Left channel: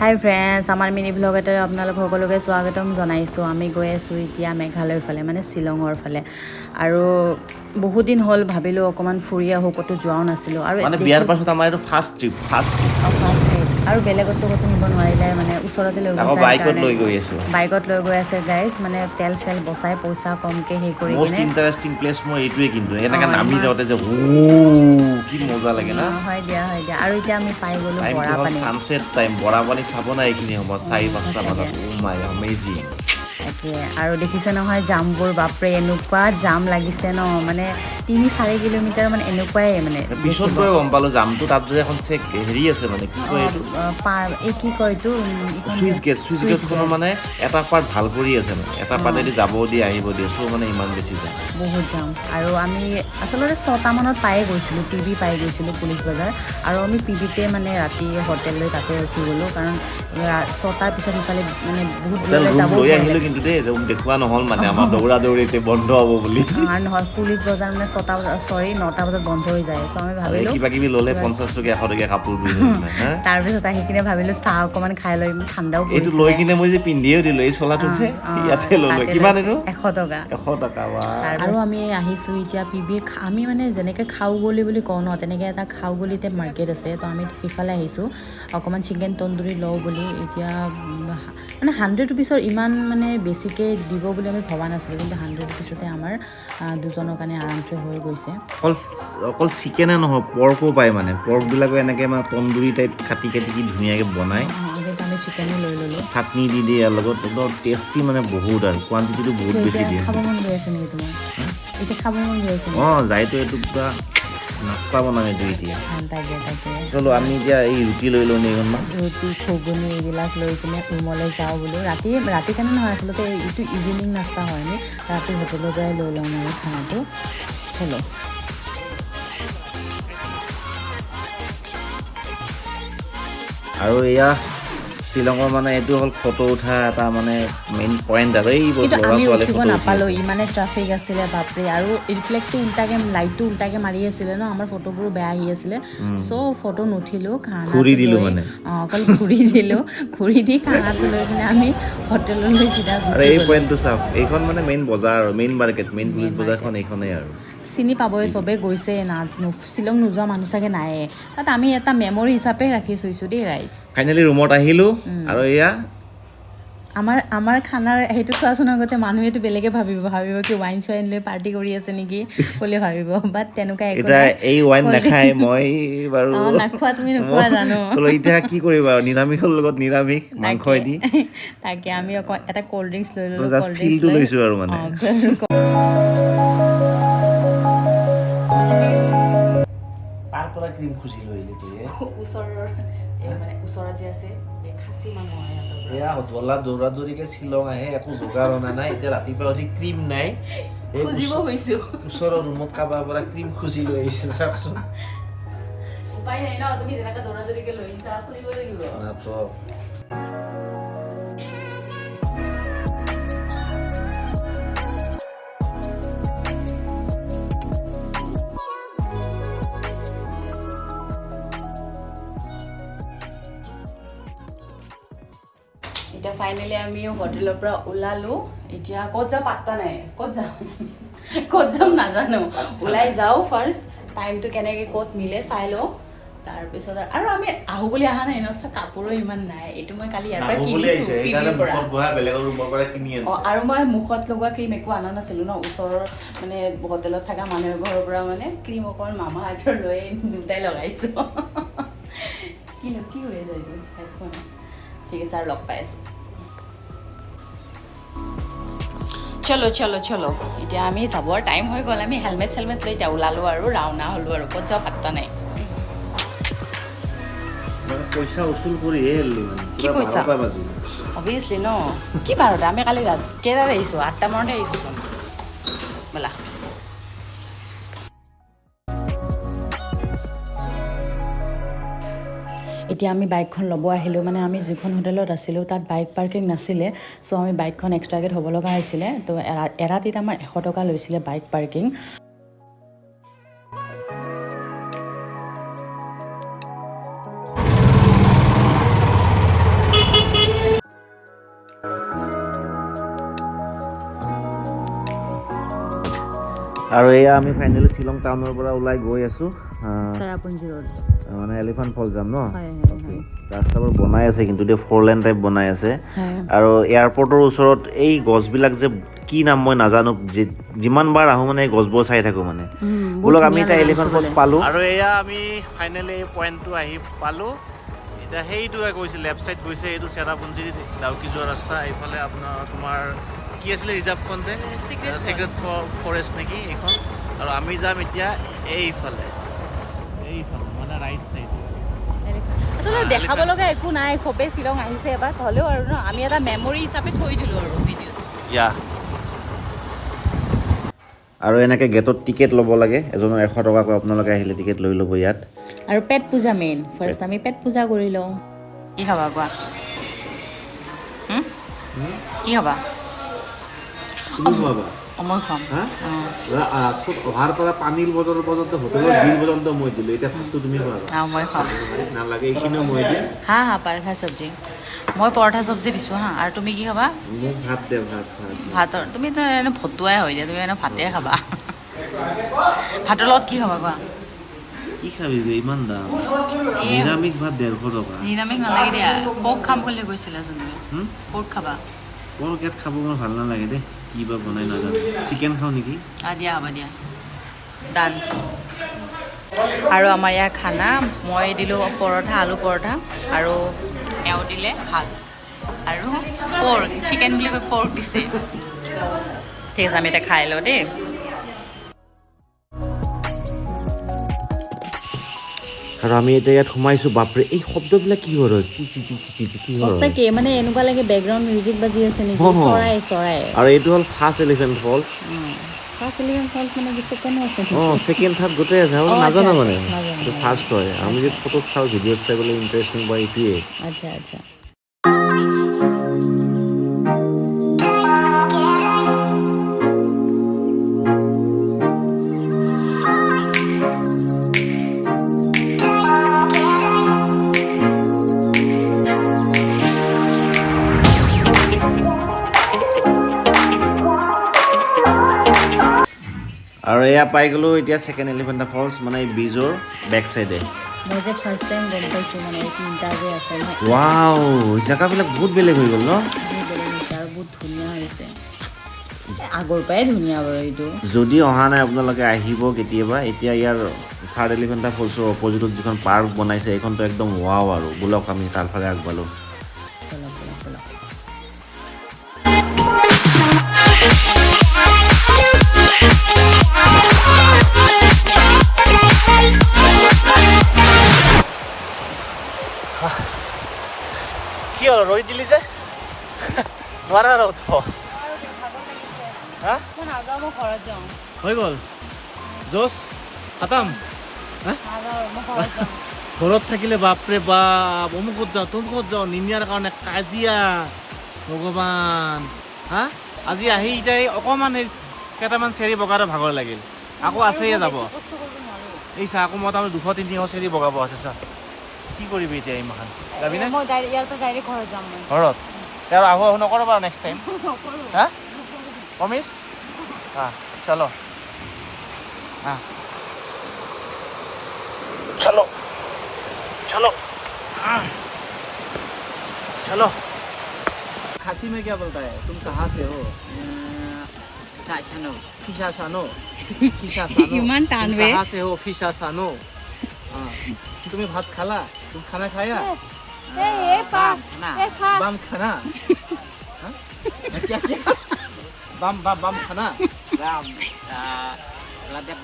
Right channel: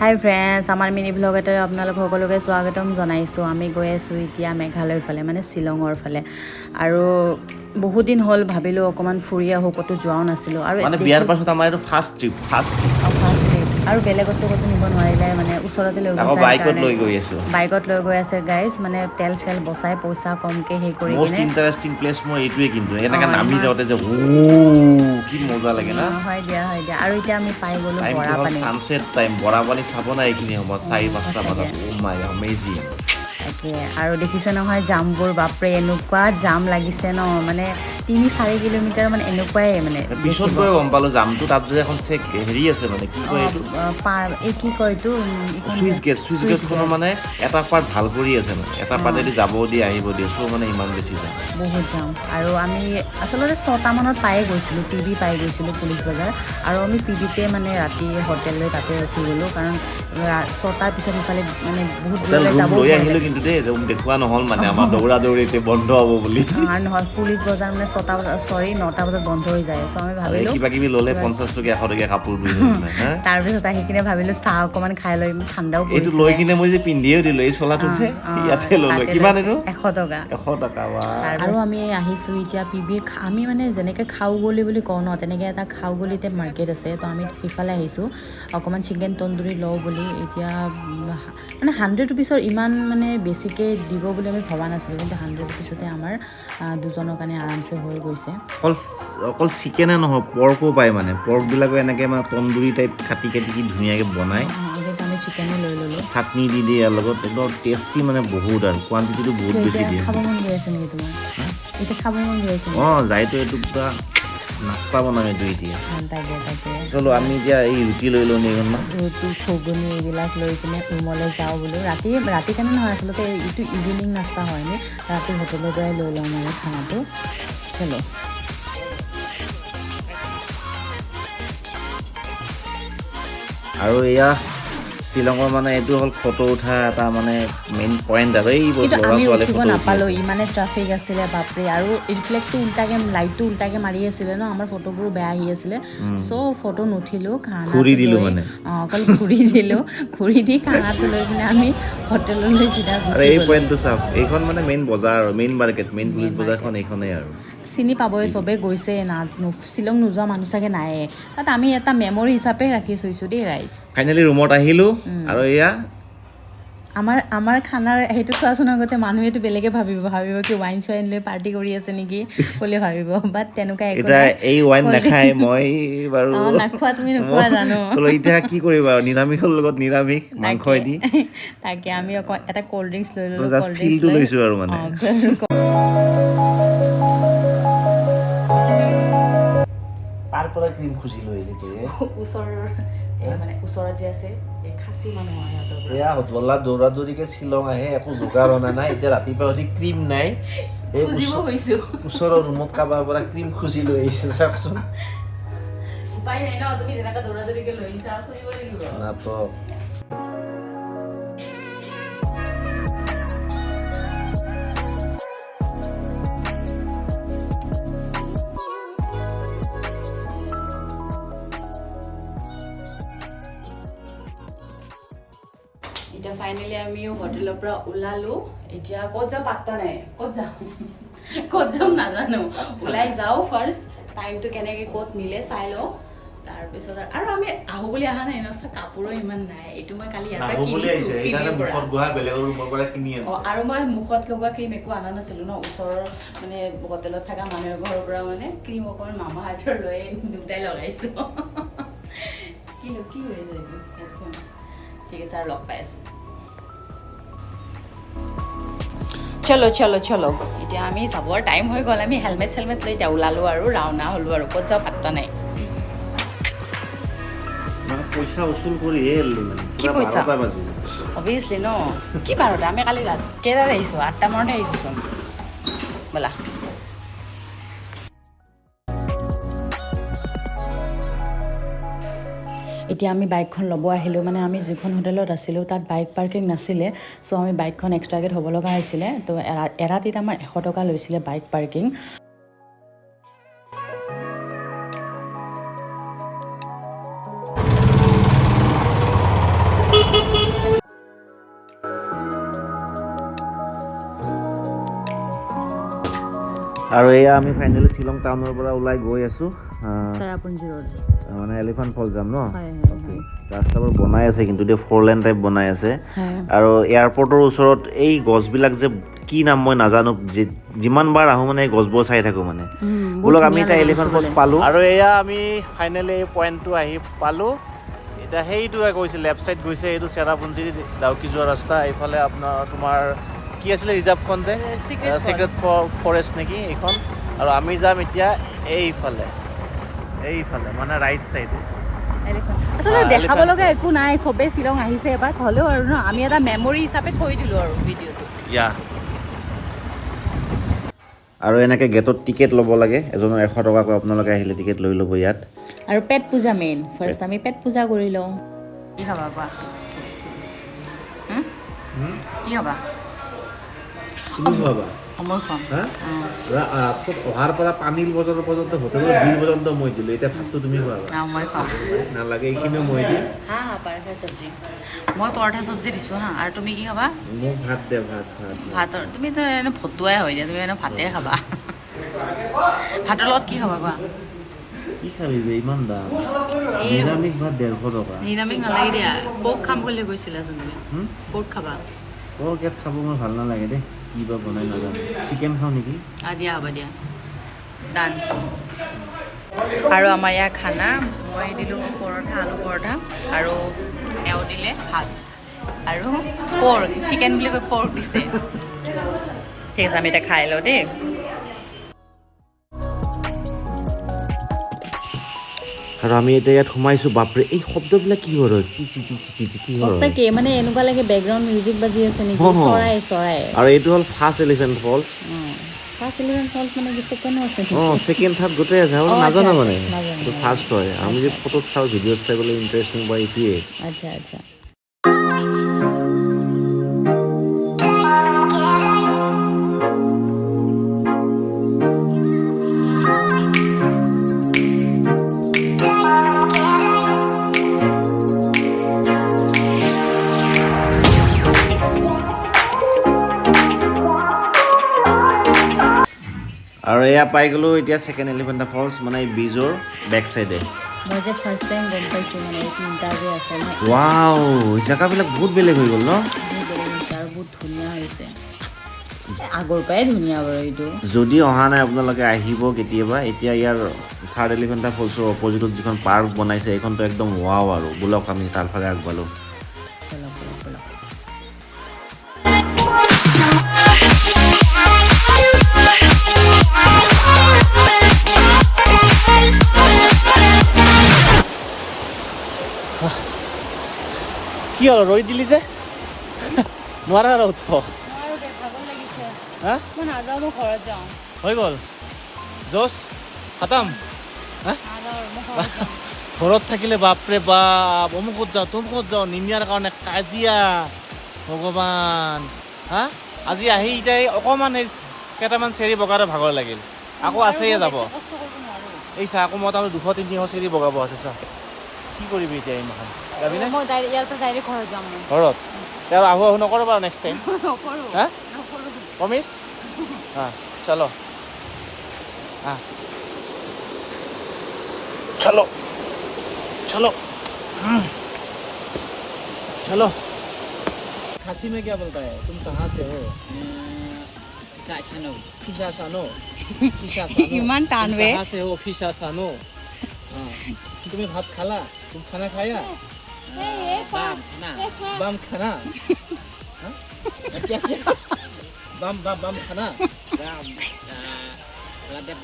হাই friends, আমাৰ mini blog এটাত আপোনালোক সকলোকে স্বাগতম জনাইছোঁ। আমি গৈ আছোঁ এতিয়া মেঘালয়ৰ ফালে, মানে শ্বিলঙৰ ফালে। আৰু বহুত দিন হ'ল ভাবিলোঁ অকণমান ফুৰি আহোঁ, ক'তো যোৱাও নাছিলোঁ। আৰু মানে বিয়াৰ পাছত আমাৰ এইটো ফাৰ্ষ্ট ট্ৰিপ আৰু বেলেগতো ক'তো নিব নোৱাৰিলে, মানে ওচৰতে লৈ আকৌ গৈছে বাইকত সেইকাৰণে লৈ গৈ আছোঁ। বাইকত লৈ গৈ আছে গাইজ, মানে তেল চেল বচাই পইচা কমকৈ হেৰি কৰি মষ্ট কিনে। ইণ্টাৰেষ্টিং প্লেচ মোৰ এইটোৱে, কিন্তু এনেকৈ নামি ইমান যাওঁতে যে কি মজা লাগে না। হয় দিয়া আৰু এতিয়া আমি পাই গ'লোঁ টাইমটো হ'ল বৰাপানী। ছানছেট টাইম, বৰাপানী চাব নাই এইখিনি সময়ত 4-5টা সঁচাকৈ বজাত। মাই অমেজিং। তাকে আৰু দেখিছে নহয় জামবোৰ, বাপৰে এনেকুৱা জাম লাগিছে ন, মানে 3-4 কিলোমিটাৰ মানে এনেকুৱাই মানে পিছত দেখিব। গৈ গম পালোঁ জামটো তাত যে এখন হেৰি আছে, মানে কি কয় এইটো এই কি কয় এইটো এইখন যে চুইচ গেটখনৰ মানে এটা পাৰ্ট ভাল কৰি আছে, মানে এটা পাৰ্টেদি যাব দিয়ে আহিব দিয়ে, চ' মানে ইমান বেছি যাম। বহুত যাম। আৰু আমি আচলতে 6টা মানত পায়ে গৈছিলোঁ, পিবি পাই গৈছিলোঁ পুলিচ বজাৰ। আৰু আমি পিবিতে মানে ৰাতি হোটেল লৈ তাতে ৰখি গ'লোঁ, কাৰণ 6টাৰ পিছত সিফালে মানে বহুত হোটেল দূৰলৈ ৰুম যাবও লৈ ভয় আহিলোঁ, লাগে। কিন্তু দেই ৰুম দেখুওৱা নহ'ল, মানে আমাৰ দৌৰা দৌৰি এতিয়া বন্ধ হ'ব বুলি। আৰু নহয়, পুলিচ বজাৰ মানে 9টা বজাত বন্ধ হৈ যায়। চ' আমি আৰু এই ভাবিলোঁ কিবা কিবি ল'লে 50 টকীয়া 100 টকীয়া কাপোৰ হা তাৰপিছত আহি কিনে ভাবিলোঁ চাহ অকণমান খাই লৈ, ঠাণ্ডাও এইটো লৈ পৰিছিলে। কিনে মই যে পিন্ধিও দিলোঁ, এই চোলাটো যে ইয়াতে ল'লোঁ। তাতে কিমান লৈছে এইটো? 100 টকা। 100 টকা। আৰু আমি আহিছোঁ এতিয়া পিবিৰ। আমি মানে যেনেকৈ খাওগলি বুলি কওঁ ন, তেনেকৈ এটা খাওগলিতে মাৰ্কেট আছে। তো আমি সিফালে আহিছোঁ অকণমান চিকেন তন্দুৰী লওঁ বুলি। এতিয়া মানে 100 ৰুপিছৰ ইমান মানে বেছিকৈ দিব বুলি আমি ভবা নাছিলোঁ, কিন্তু 100 ৰুপিছতে আমাৰ দুজনৰ কাৰণে আৰামছে হৈ গৈছে। অকল চিকেনে নহয়, পৰ্কো পায়, মানে পৰ্কবিলাকো এনেকৈ মানে তন্দুৰী টাইপ কাটি কি ধুনীয়াকৈ বনায়। কিন্তু আমি চিকেনে লৈ ল'লোঁ। চাটনি দি দিয়ে ইয়াৰ লগত, একদম টেষ্টি, মানে বহুত আৰু কোৱান্টিটিটো বহুত বেছি এতিয়া দিয়ে। খাব মন গৈ আছে নেকি তোমাৰ? এতিয়া খাব মন গৈ আছে নেকি? যাইতো এইটো পুৰা নাস্তা বনাম এইটো এতিয়া। তাকে চলো আমি এতিয়া এই ৰুটি লৈ লওঁ কেইখনমান। ৰুটি ঘুগুনি এইবিলাক লৈ কিনে ৰুমলৈ যাওঁ বোলো। ৰাতি কাৰণে নহয়, আচলতে এইটো ইভিনিং নাস্তা হয়। আমি ৰাতি হোটেলৰ পৰাই লৈ লওঁ মানে খানাটো। চলো। আৰু এয়া শ্বিলঙৰ মানে এইটো হ'ল ফটো উঠা এটা মানে মেইন পইণ্ট আৰু এই কিন্তু ল'ৰা আমি ছোৱালী উঠিব ফটো উঠি নাপালোঁ, আছে। ইমানে ট্ৰাফিক আছিলে বাপৰে। আৰু ৰিফ্লেক্টটো লাইটটো উল্টাকৈ মাৰি আছিলে ন, আমাৰ ফটোবোৰ বেয়া আহি আছিলে। চ' ফটো নুঠিলোঁ, ঘূৰি খানাটো দিলোঁ লৈ মানে। অকল ঘূৰি দিলোঁ। ঘূৰি দি খানাটো লৈ কিনে আমি হোটেললৈ চিধা আৰু গুচি এই গ'লোঁ। পইণ্টটো চাওক, এইখন মানে মেইন বজাৰ আৰু মেইন মাৰ্কেট, মেইন পুলিচ বজাৰখন এইখনেই আৰু। চিনি পাবই, চবেই গৈছে না। শ্বিলং নোযোৱা মানুহ চাগে নায়ে তাত। আমি এটা মেমৰি হিচাপে ৰাখি থৈছোঁ দেই ৰাইজ। ফাইনেলি ৰুমত আহিলোঁ। আৰু এয়া আমাৰ খানাৰ সেইটো চোৱাচোন আগতে। মানুহেতো বেলেগে ভাবিব কি ৱাইন চোৱাইন লৈ পাৰ্টি কৰি আছে নেকি বুলি ভাবিব, বাট তেনেকুৱা একো এতিয়া নাই। এই ৱাইন কল্ড নাখায়, মই বাৰু নাখোৱা, তুমি নোখোৱা মই জানো। ক'লো এতিয়া কি কৰিবা আৰু, নিৰামিষৰ লগত নিৰামিষ মাংসইদি। তাকে আমি এটা ক'ল্ড ড্ৰিংকছ লৈ ল'লোঁ। জাষ্ট ক'ল্ড ড্ৰিংকছ ফিলটো লৈ লৈছোঁ আৰু মানে। তাৰ পৰা ক্ৰীম খুজি লৈ ওচৰত যে আছে এই খাচী মানুহ হয় সিহঁতৰ পৰা। এয়া দৌৰা দৌৰিকে শ্বিলং আহে, একো যোগাৰ অনা নাই। এতিয়া ৰাতিপুৱা উঠি ক্ৰীম নাই, এই ওচৰৰ ৰুমত কাৰোবাৰ পৰা ক্ৰীম খুজি লৈ আহিছে, চাওকচোন। উপায় নাই ন, তুমি যেনেকৈ দৌৰা দৌৰিকৈ লৈ আহিছা, খুজিব লাগিব। এতিয়া ফাইনেলি আমি হোটেলৰ পৰা ওলালোঁ। এতিয়া ক'ত যাওঁ পাত্তা নাই, ক'ত যাম নাজানো। ওলাই যাওঁ ফাৰ্ষ্ট, টাইমটো কেনেকৈ ক'ত মিলে চাই লওঁ। তাৰপিছত আৰু আমি আহোঁ বুলি অহা নাই ন, কাপোৰো ইমান নাই। এইটো মই কালি ইয়াৰ পৰা কিনিছোঁ পিবিৰ পৰা। আৰু মই মুখত লগোৱা ক্ৰীম একো অনা নাছিলোঁ ন, ওচৰৰ মানে হোটেলত থকা মানুহৰ ঘৰৰ পৰা মানে ক্ৰীম অকণমান মামা আৰ্থৰ লৈ দুটাই লগাইছোঁ। কি হৈ যায় হেডফোন। ঠিক আছে, আৰু লগ পাই আছোঁ। চলো এতিয়া আমি যাবৰ টাইম হৈ গ'ল। আমি হেলমেট চেলমেট লৈ এতিয়া ওলালোঁ আৰু ৰাওনা হ'লোঁ আৰু ক'ত যাওঁ পাত্তা নাই। পইচা উচুল কৰিহে এৰিলোঁ, কি পইচা? অভিয়াছলি ন, কি বাৰতে? আমি কালি কেইটাত আহিছোঁ? 8টা মানতে আহিছোঁ ব'লা। এতিয়া আমি বাইকখন ল'ব আহিলোঁ। মানে আমি যিখন হোটেলত আছিলোঁ তাত বাইক পাৰ্কিং নাছিলে। চ' আমি বাইকখন এক্সট্ৰাকৈ থ'ব লগা হৈছিলে। তো এৰাতিত আমাৰ 100 টকা লৈছিলে বাইক পাৰ্কিং। আৰু এয়া আমি ফাইনেলি শ্বিলং টাউনৰ পৰা ওলাই গৈ আছো চেৰাপুঞ্জী ৰোড মানে এলিফেণ্ট ফল যাম ন হয় হয় ৰাস্তাবোৰ বনাই আছে কিন্তু এতিয়া 4 লেন টাইপ বনাই আছে হয় আৰু এয়াৰপৰ্টৰ ওচৰত এই গছবিলাক যে কি নাম মই নাজানো যিমান বাৰ আহো মানে এই গছবোৰ চাই থাকো মানে বোলক আমি এতিয়া এলিফেণ্ট ফলছ পালো আৰু এয়া আমি ফাইনেলি এই পইণ্টটো আহি পালো এতিয়া সেইটো গৈছে লেফ্ট চাইড গৈছে এইটো চেৰাপুঞ্জী ডাউকি যোৱা ৰাস্তা এইফালে আপোনাৰ তোমাৰ কি আছিলে ৰিজাৰ্ভখন যে চিক্ৰেট ফৰেষ্ট নেকি এইখন আৰু আমি যাম এতিয়া এইফালে মানে ৰাইট চাইডে আচলতে দেখাব লগা একো নাই চবেই শ্বিলং আহিছে এবাৰ হ'লেও আৰু ন আমি এটা মেমৰি হিচাপে থৈ দিলো আৰু ভিডিঅ'টো ইয়া আৰু এনেকৈ গেটত টিকেট ল'ব লাগে এজনৰ 100 টকাকৈ আপোনালোকে আহিলে টিকেট লৈ ল'ব ইয়াত আৰু পেট পূজা মেইন ফাৰ্ষ্ট আমি পেট পূজা কৰি লওঁ কি খাবা কোৱা কি খাবা তুমি খোৱাবা মই খাম ৰাস্তাত অহাৰ পৰা পানীৰ বজাৰৰ পৰ্যন্ত হোটেলৰ বিল পৰ্যন্ত মই দিলোঁ এতিয়া ভাতটো তুমি খোৱাবা মই খাম নালাগে এইখিনিও মই দিম হা পৰঠা চব্জি মই পৰঠা চব্জি দিছোঁ হা আৰু তুমি কি খাবা মোক ভাত দে ভাতৰ তুমি তো এনে ভতুৱাই হয় দিয়া তুমি এনে ভাতে খাবা ভাতৰ লগত কি খাবা কোৱা কি খাবি ইমান দাম নিৰামিষ ভাত 150 টকা নিৰামিষ নালাগে দিয়া পৰ্ক খাম বুলি কৈছিলাচোন তুমি পৰ্ক খাবা পৰ্ক ইয়াত খাব মোৰ ভাল নালাগে দেই কি বা বনাই নাজানো চিকেন খাওঁ নেকি দিয়া হ'ব দিয়া ডান আৰু আমাৰ ইয়াৰ খানা মই দিলোঁ পৰঠা আলু পৰঠা আৰু এওঁ দিলে ভাত আৰু পৰ্ক চিকেন বুলি কৈ পৰ্ক দিছে ঠিক আছে আমি এতিয়া খাই লওঁ দেই আৰু আমি এতিয়া ইয়াত সোমাইছোঁ বাপৰে এই শব্দবিলাক কি হয় কি হয় সঁচাকে মানে এনেকুৱা লাগে বেকগ্ৰাউণ্ড মিউজিক বাজি আছে নেকি চৰাই আৰু এইটো হ'ল ফাৰ্ষ্ট এলিফেণ্ট ফলছ ফাৰ্ষ্ট এলিফেণ্ট ফলছ মানে কি ছেকেণ্ডো আছে ছেকেণ্ড থাৰ্ড গোটেই আছে আৰু নাজানো মানে এইটো ফাৰ্ষ্ট হয় আমি যে ফটোত চাওঁ ভিডিঅ'ত চাই পেলাই ইণ্টাৰেষ্টিং বা এইটোৱে আচ্ছা আৰু এয়া পাই গ'লোঁ এতিয়া ছেকেণ্ড এলিফেণ্ট ফলছ মানে ব্ৰিজৰ বেক চাইডে মই যে ফাৰ্ষ্ট টাইম গম পাইছোঁ মানে এই তিনিটা যে আছে ৱাও জেগাবিলাক বহুত বেলেগ হৈ গ'ল ন বহুত বেলেগ হৈছে আৰু বহুত ধুনীয়া হৈছে আগৰ পৰাই ধুনীয়া বাৰু এইটো যদি অহা নাই আপোনালোকে আহিব কেতিয়াবা এতিয়া ইয়াৰ থাৰ্ড এলিফেণ্ট ফলছৰ অপজিটত যিখন পাৰ্ক বনাইছে এইখনতো একদম ৱাও আৰু বোলক আমি তাৰফালে আগবালোঁ কি হ'ল ৰৈ দিলি যে নোৱাৰা আৰু হৈ গ'ল জোচ খতম ঘৰত থাকিলে বাপৰে বাপ অমুকত যাওঁ তমুকত যাওঁ নিমিয়াৰ কাৰণে কাজিয়া ভগৱান হা আজি আহি এতিয়া অকণমান সেই কেইটামান চেৰি বগাৰ ভাগৰ লাগিল আকৌ আছেই যাব এই চা আকৌ মই তাৰমানে 200-300 চিৰি বগাব আছে চা কি কৰিবি এতিয়া এনেকুৱা যাবিনে ঘৰত ইয়াৰ আহো নকৰবা নেক্সট টাইম হা প্ৰমিছ হা চলো चलो चलो चलो खासी में क्या बोलता है तुम कहाँ से हो फिशासानो इमान टानवे कहाँ से हो फिशासानो तुम्हें भात खाला तुम खाना खाया बम खाना बम बम बम खाना লাদে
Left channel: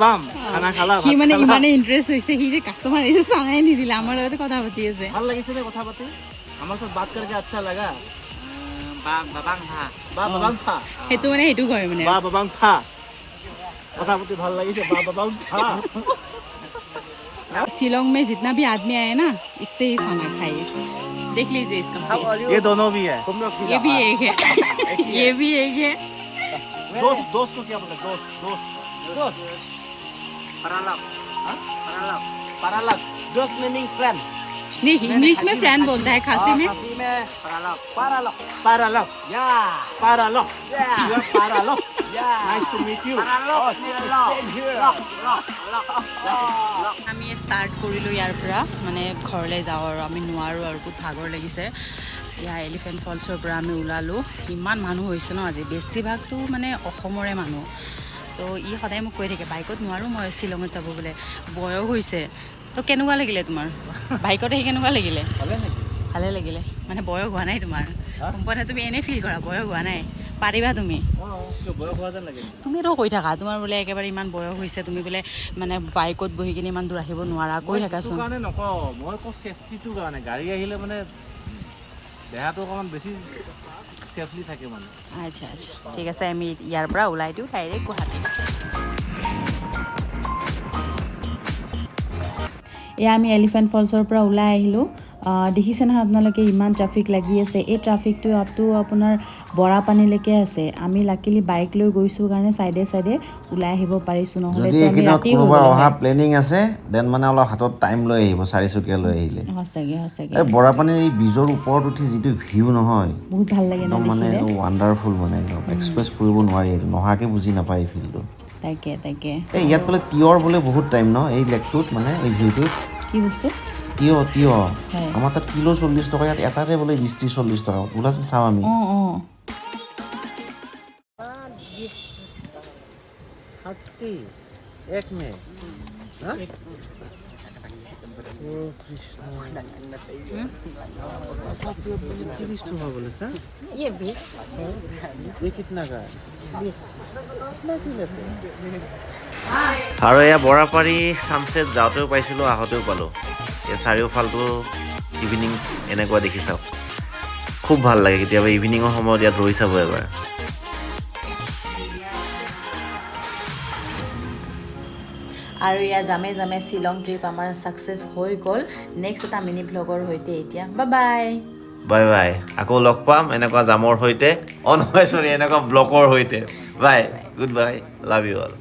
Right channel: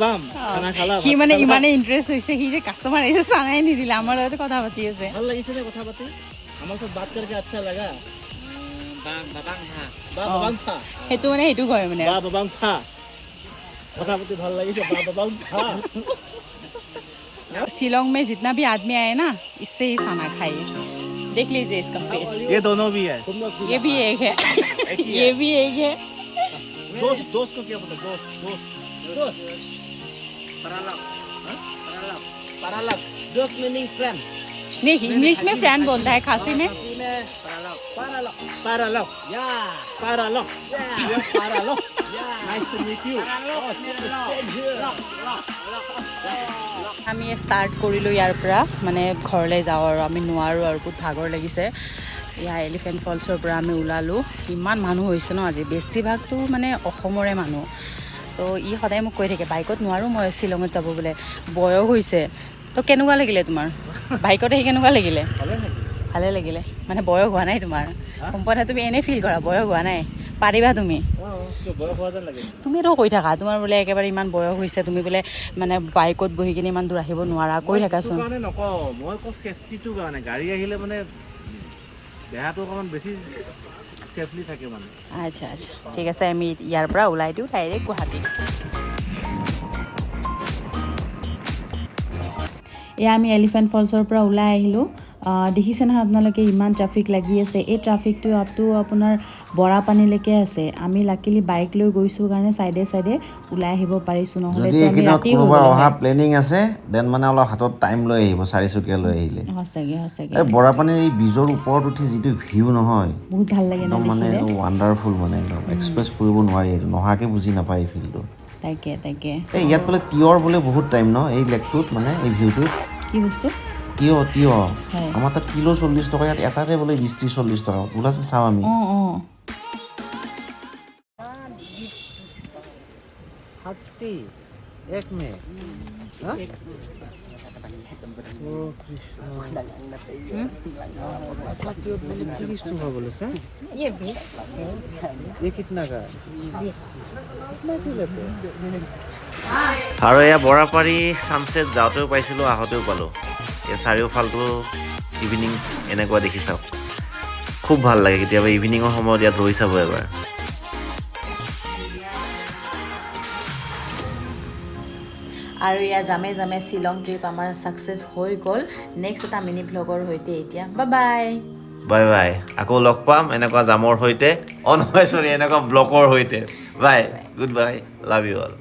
বাম খানা খালা কি মানে ইমানে ইন্টারেস্ট হইছে কি যে কাস্টমার এসে চাঙাই নি দিলে আমার সাথে কথা পাতি আছে ভাল লাগিছে নে কথা পাতি আমার সাথে বাত करके अच्छा लगा বাবাং থা হেতু মানে হেতু কয় মানে বাবাং থা কথা পাতি ভাল লাগিছে বাবাং থা शिलोंग में जितना भी आदमी आए ना इससे ही खाना खाए देख लीजिए इसका ये दोनों भी है ये भी एक है ये भी एक है दोस्त दोस्त को क्या बोलते दोस्त दोस्त दोस्त paralag दोस्त मीनिंग फ्रेंड नहीं इंग्लिश में फ्रेंड बोलता है खासी में Paralo. Yeah. Paralo. Yeah. You're Paralo. Yeah. Nice to meet you. Paralo. আমি ষ্টাৰ্ট কৰিলোঁ ইয়াৰ পৰা মানে ঘৰলৈ যাওঁ আৰু আমি নোৱাৰোঁ আৰু বহুত ভাগৰ লাগিছে ইয়াৰ এলিফেণ্ট ফলছৰ পৰা আমি ওলালোঁ ইমান মানুহ হৈছে ন আজি বেছিভাগটো মানে অসমৰে মানুহ তো ই সদায় মোক কৈ থাকে বাইকত নোৱাৰোঁ মই শ্বিলঙত যাব বোলে বয়স হৈছে তো কেনেকুৱা লাগিলে তোমাৰ বাইকত আহি কেনেকুৱা লাগিলে ভালে লাগিলে মানে বয়স হোৱা নাই তোমাৰ সম্পূৰ্ণ তুমি এনেই ফিল কৰা বয়স হোৱা নাই পাৰিবা তুমি তুমিতো কৈ থাকা তোমাৰ বোলে একেবাৰে ইমান বয়স হৈছে তুমি বোলে মানে বাইকত বহি কিনে ইমান দূৰ আহিব নোৱাৰা কৈ থাকাচোন মই কওঁ চেফটিটোৰ কাৰণে গাড়ী আহিলে মানে দেহাটো অকণমান বেছি চেফলি থাকে মানে আচ্ছা আচ্ছা ঠিক আছে আমি ইয়াৰ পৰা ওলাই দিওঁ ডাইৰেক্ট গুৱাহাটী এয়া আমি এলিফেণ্ট ফলছৰ পৰা ওলাই আহিলোঁ দেখিছে নহয় আপোনালোকে ইমান ট্ৰাফিক লাগি আছে এই ট্ৰাফিকটো আপটো আপোনাৰ বৰাপানীলৈকে আছে আমি লাকিলি বাইক লৈ গৈছোঁ কাৰণে চাইডে চাইডে ওলাই আহিব পাৰিছোঁ নহ'লে আমি ৰাতি অহা প্লেনিং আছে দেন মানে অলপ হাতত টাইম লৈ আহিব চাৰিচকীয়া লৈ আহিলে সঁচাকৈ সঁচাকৈ এই বৰাপানীৰ এই ব্ৰিজৰ ওপৰত উঠি যিটো ভিউ নহয় বহুত ভাল লাগে ন মানে দেখিলে ৱাণ্ডাৰফুল মানে একদম এক্সপ্ৰেছ কৰিব নোৱাৰি এইটো নহাকৈ বুজি নাপায় এই ফিল্ডটো তাকে তাকে এই ইয়াত বোলে তিয়ঁৰ বোলে বহুত টাইম ন এই লেকটোত মানে এই ভিউটোত কি বস্তু তিয়ঁহ আমাৰ তাত কিলো 40 টকা ইয়াত এটাতে বোলে 20-40 টকা ওলাচোন চাওঁ আমি এক মে আৰু এয়া বৰাপাৰী ছানছেট যাওঁতেও পাইছিলোঁ আহোঁতেও পালোঁ এই চাৰিওফালটো ইভিনিং এনেকুৱা দেখি চাওক খুব ভাল লাগে কেতিয়াবা ইভিনিঙৰ সময়ত ইয়াত ৰৈ চাব এবাৰ আৰু এয়া জামে জামে শ্বিলং ট্ৰিপ আমাৰ ছাকচেছ হৈ গ'ল নেক্সট এটা মিনি ভ্লগৰ সৈতে এতিয়া বাই বাই আকৌ লগ পাম এনেকুৱা জামৰ সৈতে নহয় চৰি এনেকুৱা ব্লকৰ সৈতে bye good bye love you all